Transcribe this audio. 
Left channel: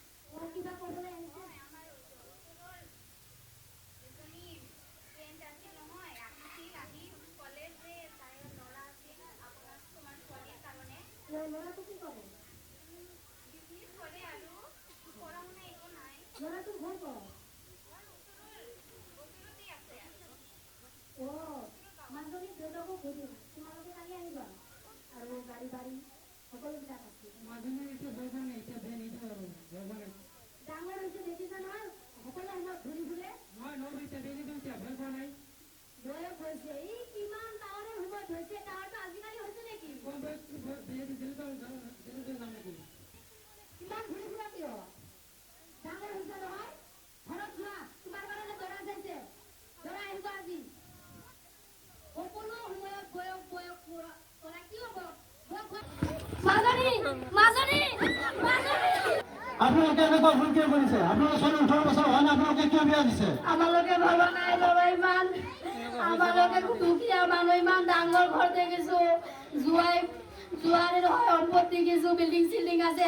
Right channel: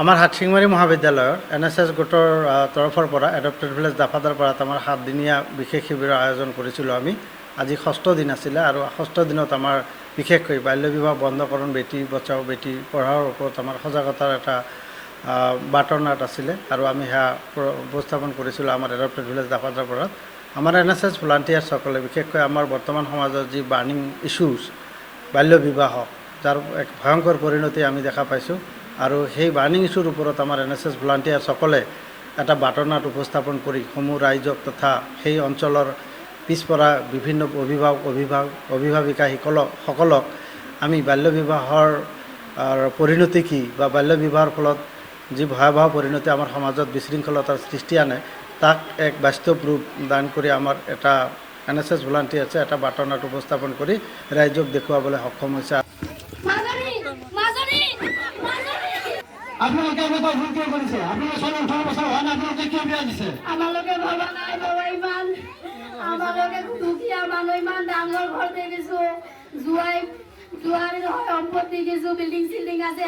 আমাৰ হাটশিঙমাৰী মহাবিদ্যালয়ৰ NSS গোটৰ তৰফৰ পৰা এডপ্টেড ভিলেজ দাফাদাৰ পাৰাত আমাৰ 7 দিনীয়া বিশেষ শিবিৰৰ আয়োজন কৰিছিলোঁ আমি। আজি 6ষ্ঠ দিন আছিলে আৰু 6ষ্ঠ দিনত আমাৰ বিশেষকৈ বাল্য বিবাহ বন্ধকৰণ, বেটী বচাও বেটী পঢ়াৰ ওপৰত আমাৰ সজাগতাৰ এটা বাৰ্তানাট আছিলে আৰু আমি সেয়া উপস্থাপন কৰিছিলোঁ আমাৰ এডপ্টেড ভিলেজ দাফাদাৰ পাৰাত। আমাৰ NSS ভলাণ্টিয়াৰ্ছসকলে বিশেষকৈ আমাৰ বৰ্তমান সমাজৰ যি বাৰ্নিং ইছ্যুজ বাল্য বিবাহ, যাৰ এক ভয়ংকৰ পৰিণতি আমি দেখা পাইছোঁ আৰু সেই বাৰ্নিং ইছ্যুৰ ওপৰত আমাৰ NSS ভলাণ্টিয়াৰ্ছসকলে এটা বাৰ্তানাট উপস্থাপন কৰি সমূহ ৰাইজক তথা সেই অঞ্চলৰ পিছপৰা বিভিন্ন অভিভাৱিকাসকলক আমি বাল্য বিবাহৰ পৰিণতি কি বা বাল্য বিবাহৰ ফলত যি ভয়াৱহ পৰিণতি আমাৰ সমাজত বিশৃংখলতাৰ সৃষ্টি আনে তাক এক বাস্তৱ ৰূপ দান কৰি আমাৰ এটা NSS ভলাণ্টিয়াৰ্ছে এটা বাৰ্তানাট উপস্থাপন কৰি ৰাইজক দেখুৱাবলৈ সক্ষম হৈছে। আপোনালোকে এনেকুৱা ভুল কিয় কৰিছে? আপোনালোকে 18 বছৰ হোৱা নাই, আপোনালোকে কিয় বিয়া দিছে? আমালোকে ভবা নাই বাৰু ইমান, আমালোকে দুখীয়া মানুহ, ইমান ডাঙৰ ঘৰ দেখিছো, জুৱাৰী নহয় সম্পত্তি কিছু বিল্ডিং চিল্ডিং আছে।